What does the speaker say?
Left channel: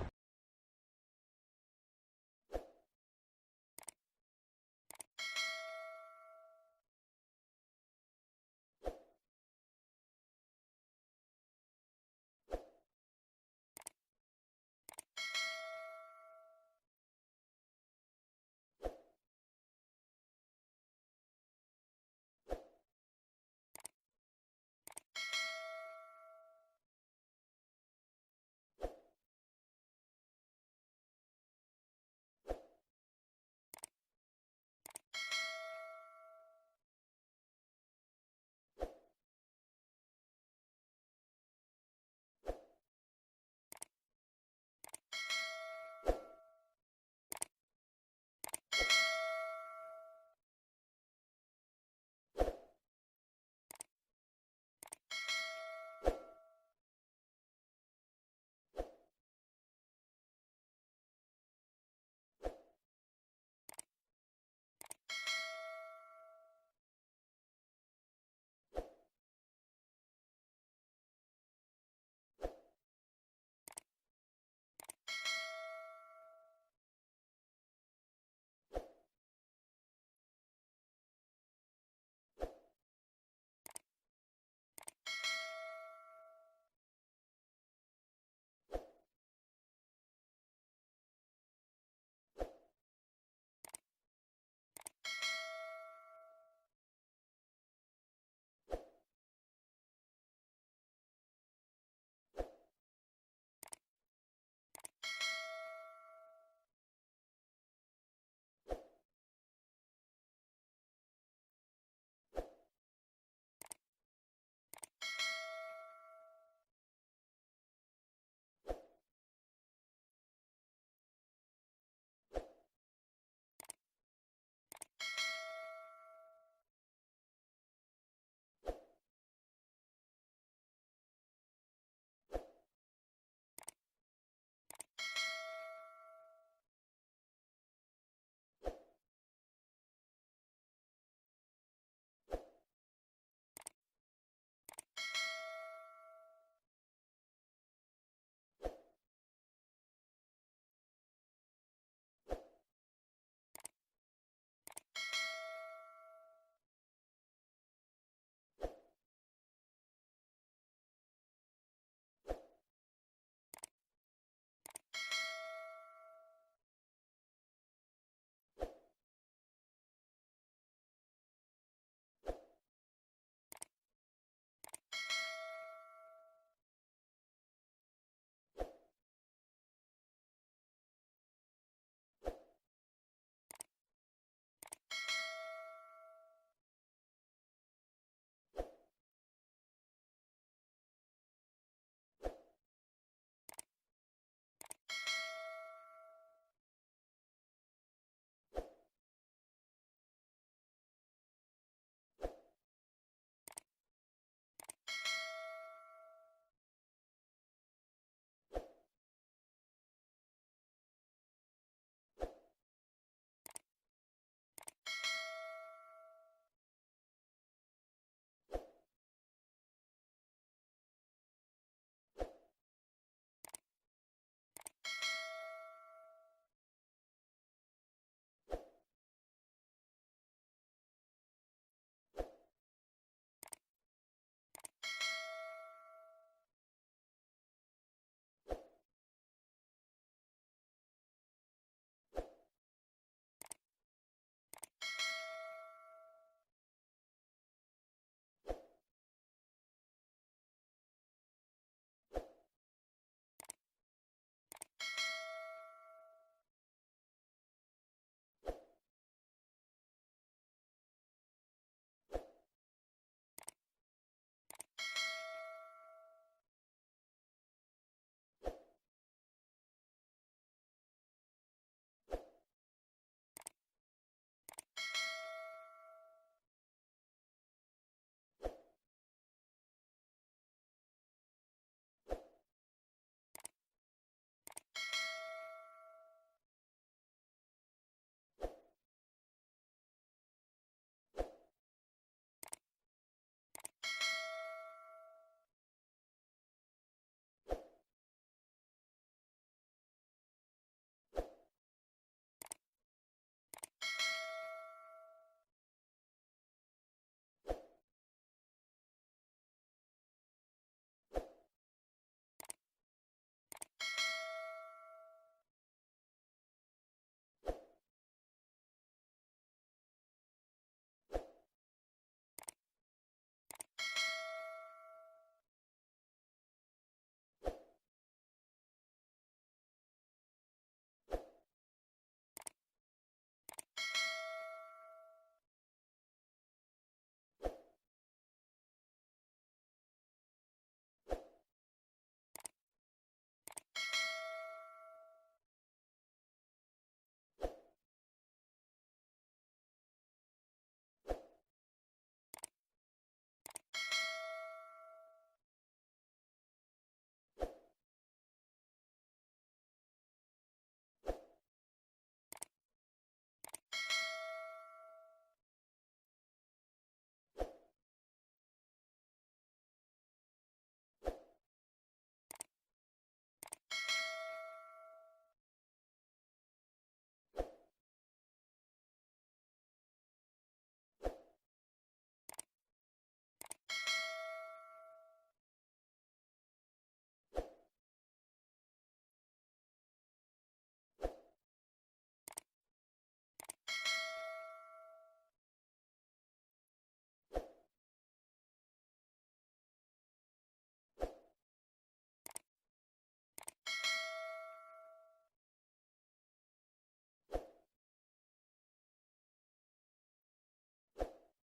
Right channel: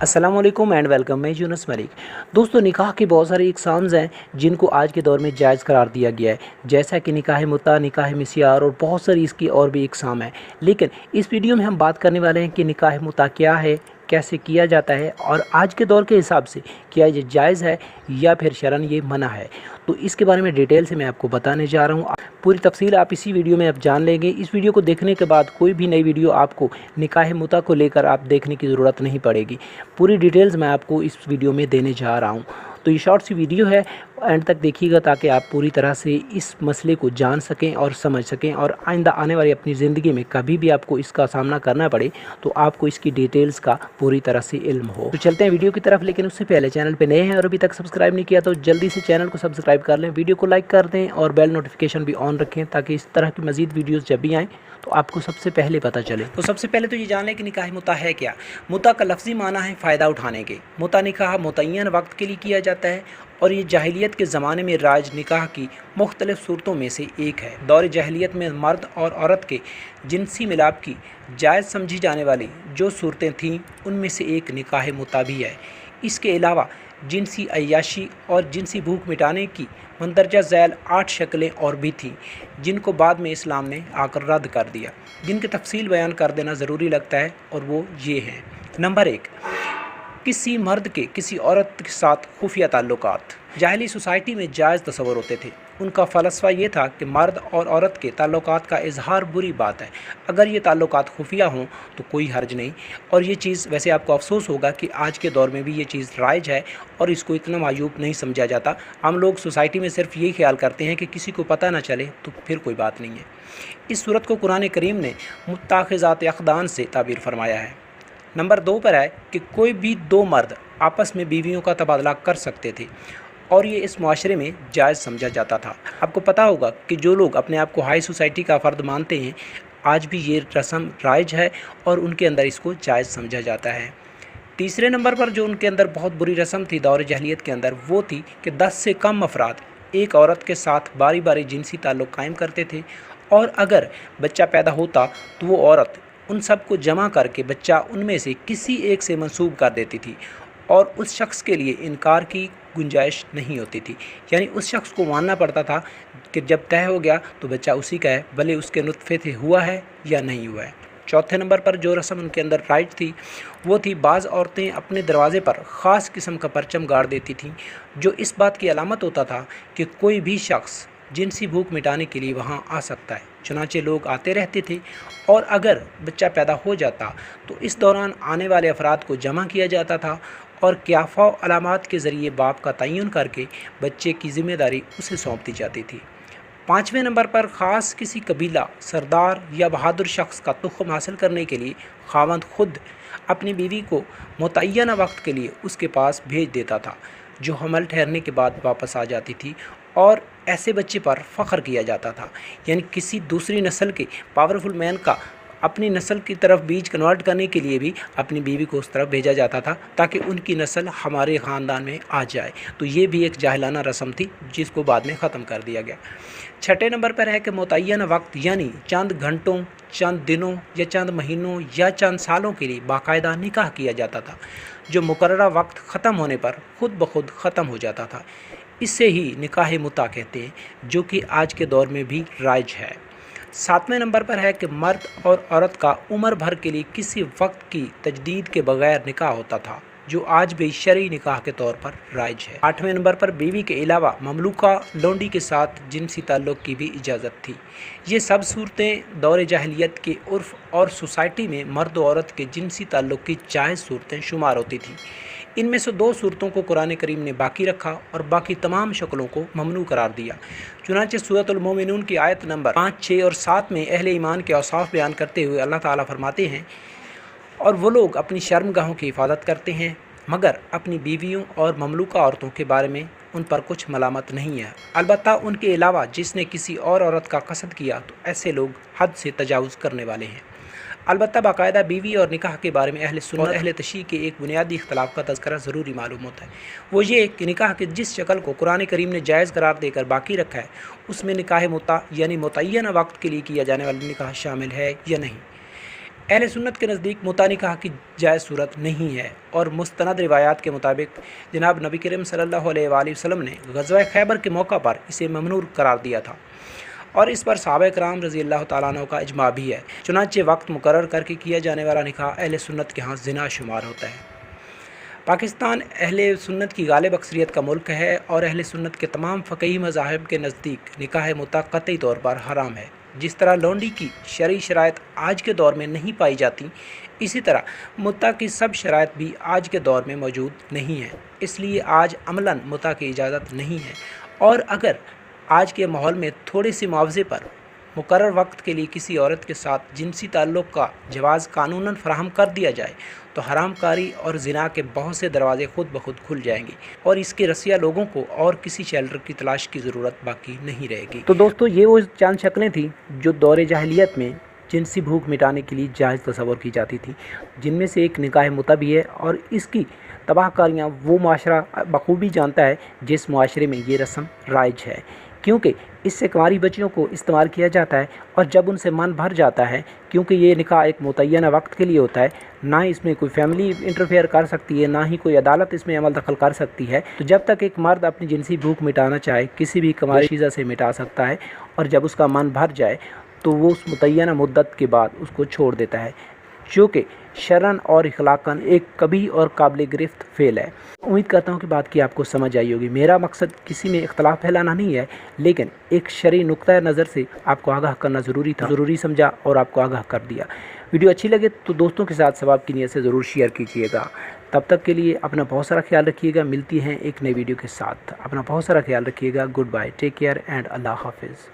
अस्सलाम वालेकुम and welcome. मैं यूनुस मलिक। दोस्तों, निकाह के बहुत सारे इकसाम्स हैं जिनको आज के दौर में जायज़ करार दिया गया है, जैसा कि निकाह मुता, निकाह मिस्यार और बहुत सारी इसकी और भी इकसाम हैं। लेकिन इस वीडियो में हम बात करने वाले हैं कि निकाह मुता क्या है, कैसे किया जाता है और आज के दौर के हिसाब से क्या ये जायज़ है या फिर शरन ये मना है। तो इसके बारे में डिटेल से मैं आपको बताने जा रहा हूँ। पूरी तफसील आप इसी वीडियो में आप जान लेंगे। इस वीडियो को देखने के बाद कोई भी नई वीडियो आपको निकाह मुता को लेकर आप देखने की ज़रूरत नहीं पड़ेगी। पूरी डिटेल्स मैं आपको इस वीडियो में देने जा रहा हूँ। तो ये शॉर्ट सी वीडियो है, एंड तक देखिएगा ताकि आप पूरी तरह से इस मसले को जान सकें और समझ सकें, और आइंदा आने वाली अपनी ज़िंदगी में कभी भी आपको इसका सामना करना पड़े तो आपको इसकी डिटेल्स का पूरी तरह से इल्म हो। तो चलते हैं वीडियो की तरफ, लेकिन उससे पहले चैनल पे नए हैं और अभी तक सब्सक्राइब नहीं किया तो जल्दी से चैनल को सब्सक्राइब कर लें, वीडियो को लाइक कर दें और बेल नोटिफिकेशन भी ऑन रखें ताकि इस तरह की मज़ीद वीडियोज़ जब भी आएँ तो आपको सबसे पहले पता चले। तो सबसे पहले तो ये जान लें कि निकाह मुता है क्या। मुता का लफ्ज़ी माना है फ़ायदा उठाने के। मुता निकाह मुतय्यन वक्त के लिए किया जाता है और ये जाहिलियत के ज़माने में राज निकाह की मुख्तलिफ़ सूरतों में से एक है। दौर जाहिलियत में मर्द और औरत के जिनसी मिलाप की जायज़ समझी जाने वाली जो सूरतें थीं उनमें से एक निकाह मुता भी है। इसके अलावा जिनसी अय्याशी और जिनसी भूख मिटाने की मंदरजा झैल 8 शक्लें और भी थीं जिनको बाद में इस्लाम ने आकर रद्द कर दिया, जिनकी तफसील बयान कर देना ज़रूरी लगता है, और वो ये हैं। नंबर 1, किसी मर्द के किसी औरत के साथ खुफिया ताल्लुकात। जाहिली सोसाइटी में जायज़ तस्वर होते थे। उनका फ़लसफ़ा ये था कि मर्द और औरत के ताल्लुकात का इजहार बुरी बात है। अगर ये ताल्लुकात खुफिया हों तो कोई हर्ज नहीं। और ये चीज़ वैसे आपको अफसोस होगा कि आज के दौर में भी ये चीज़ राइज है और इसको इतना मायूब नहीं समझा जाता। हम लोग सोसाइटी में सिर्फ यही ख्याल करते हैं कि किसी को पता ना चले तो फिर कोई बात नहीं है। इस सूरत को कुरान करीम ने मुत्ताखिज़ात अक़दान से ताबीर फरमाया है। नंबर 2 पर है कि कोई भी दो मर्द आपस में बीवियों का तबादला कर सकते थे और ये इस मुआशरे में जायज़ समझा जाता था। आपको पता होगा कि जो लोग अपने आप को हाई सोसाइटी का फ़र्द मानते हैं आज भी ये रस्म राइज है और उनके अंदर इसको जायज़ समझा जाता है। तीसरे नंबर पर जो उनके अंदर बहुत बुरी रस्म थी दौर जहलियत के अंदर, वो थी कि 10 से कम अफराद एक औरत के साथ बारी बारी जिनसी ताल्लुक़ कायम करते थे, और अगर बच्चा पैदा होता तो वो औरत उन सब को जमा करके बच्चा उनमें से किसी एक से मंसूब कर देती थी और उस शख्स के लिए इनकार की गुंजाइश नहीं होती थी। यानी उस शख्स को मानना पड़ता था कि जब तय हो गया तो बच्चा उसी का है, भले उसके नुत्फ़े से हुआ है या नहीं हुआ है। चौथे नंबर पर जो रस्म उनके अंदर राइज थी वो थी बाज़ औरतें अपने दरवाज़े पर ख़ास किस्म का परचम गाड़ देती थीं जो इस बात की अलामत होता था कि कोई भी शख्स जिनसी भूख मिटाने के लिए वहाँ आ सकता है। चुनांचे लोग आते रहते थे और अगर बच्चा पैदा हो जाता तो इस दौरान आने वाले अफराद को जमा किया जाता था और क्याफ़ा अलामात के ज़रिए बाप का तयन करके बच्चे की ज़िम्मेदारी उसे सौंप दी जाती थी। पाँचवें नंबर पर ख़ास किसी कबीला, सरदार या बहादुर शख्स का तुख़्म हासिल करने के लिए खावंद खुद अपनी बीवी को मुतय्यना वक्त के लिए उसके पास भेज देता था, जो हमल ठहरने के बाद वापस आ जाती थी, और ऐसे बच्चे पर फ़ख्र किया जाता था। यानी किसी दूसरी नस्ल के पावरफुल मैन का अपनी नस्ल की तरफ बीज कन्वर्ट करने के लिए भी अपनी बीवी को उस तरफ भेजा जाता था ताकि उनकी नस्ल हमारे ख़ानदान में आ जाए। तो ये भी एक जाहिलाना रस्म थी जिसको बाद में ख़त्म कर दिया गया। छठे नंबर पर है कि मुतय्यन वक्त यानी चंद घंटों, चंद दिनों या चंद महीनों या चंद सालों के लिए बाकायदा निकाह किया जाता था जो मुकर्ररा वक्त ख़त्म होने पर ख़ुद ब खुद ख़त्म हो जाता था। इससे ही निकाह मुता कहते हैं जो कि आज के दौर में भी राइज है। सातवें नंबर पर है कि मर्द और औरत का उम्र भर के लिए किसी वक्त की तजदीद के बगैर निकाह होता था जो आज भी शरई निकाह के तौर पर राइज है। आठवें नंबर पर बीवी के अलावा ममलूका लोंडी के साथ जिनसी ताल्लुक़ की भी इजाज़त थी। ये सब सूरतें दौर जाहिलियत के उर्फ़ और सोसाइटी में मर्द और औरत के जिनसी ताल्लुक़ की जायज़ सूरतें शुमार होती थीं। इनमें से दो सूरतों को कुरान करीम ने बाकी रखा और बाकी तमाम शक्लों को ममनू करार दिया। चुनांचे सूरतुल मोमिनून की आयत नंबर 5, 6 और 7 में अहले ईमान के औसाफ बयान करते हुए अल्लाह ताला फरमाते हैं, और वो लोग अपनी शर्मगाहों की हिफाजत करते हैं मगर अपनी बीवियों और ममलूका औरतों के बारे में उन पर कुछ मलामत नहीं है। अलबत्ता उनके अलावा जिसने किसी और औरत का कसद किया तो ऐसे लोग हद से तजावुज़ करने वाले हैं। अलबत्ता बाकायदा बीवी और निकाह के बारे में अहले सुन्नत और अहले तशरीह के एक बुनियादी इख्तलाफ का तज़किरा ज़रूरी मालूम होता है। वो ये कि निकाह के जिस शक्ल को कुरान करीम ने जायज़ करार देकर बाकी रखा है उसमें निकाह मुता यानी मुतय्यना वक्त के लिए किया जाने वाला निकाह शामिल है या नहीं। अहले सुन्नत के नज़दीक मुता निकाह की जायज़ सूरत नहीं है और मुस्तनद रिवायात के मुताबिक जनाब नबी करीम सल्लल्लाहु अलैहि वसल्लम ने ग़ज़वा खैबर के मौका पर इसे ममनूर करार दिया था और इस पर सहाबा कराम रज़ी अल्लाह तआला अन्हु का इजमा भी है। चुनांचे वक्त मुकर्रर करके किया जाने वाला निकाह अहले सुन्नत के यहाँ ज़िना शुमार होता है। पाकिस्तान अहले सुन्नत की गालिब अक्सरियत का मुल्क है और अहले सुन्नत के तमाम फ़क़ही मज़ाहिब के नज़दीक निकाह मुता क़तई तौर पर हराम है। जिस तरह लौंडी की शरई शराइत आज के दौर में नहीं पाई जाती, इसी तरह मुता की सब शराइत भी आज के दौर में मौजूद नहीं है। इसलिए आज अमलन मुता की इजाज़त नहीं है और अगर आज के माहौल में थोड़े से मुआवजे पर मुकर्रर वक्त के लिए किसी औरत के साथ जिनसी ताल्लुक़ का जवाज़ कानूनन फ़राहम कर दिया जाए तो हरामकारी और ज़िना के बहुत से दरवाज़े खुद ब खुद खुल जाएंगे और इसके रसिया लोगों को और किसी शेल्टर की तलाश की ज़रूरत बाकी नहीं रहेगी। तो दोस्तों, ये वो चंद शक्लें थी जो दौर जाहिलियत में जिनसी भूख मिटाने के लिए जायज़ तस्वर की जाती थी, जिनमें से एक निकाह मुता भी है और इसकी तबाहकारियाँ वो माशरा बखूबी जानता है जिस माशरे में ये रस्म राइज है, क्योंकि इससे कुंवारी बच्चियों को इस्तेमाल किया जाता है और जब उनसे मन भर जाता है, क्योंकि ये निकाह एक मुतय्यना वक्त के लिए होता है, ना इसमें कोई फैमिली इंटरफेयर कर सकती है, ना ही कोई अदालत इसमें अमल दखल कर सकती है। तो जब तक एक मर्द अपनी जिनसी भूख मिटाना चाहे किसी भी कुंवारी चीज़ा से मिटा सकता है और जब उसका मन भर जाए तो वो उस मुतय्यना मुद्दत के बाद उसको छोड़ देता है, जो कि शरन और इखलाकन एक कभी और काबिल गिरफ्त फ़ेल है। उम्मीद करता हूँ कि बात की आपको समझ आई होगी। मेरा मकसद किसी में इख्तलाफ फैलाना नहीं है, लेकिन एक शरई नुक्ता नज़र से आपको आगाह करना ज़रूरी था, ज़रूरी समझा और आपको आगाह कर दिया। वीडियो अच्छी लगे तो दोस्तों के साथ सवाब की नीयत से ज़रूर शेयर कीजिएगा। तब तक के लिए अपना बहुत सारा ख्याल रखिएगा। मिलती हैं एक नई वीडियो के साथ। अपना बहुत सारा ख्याल रखिएगा। Good bye, take care and अल्लाह हाफिज़।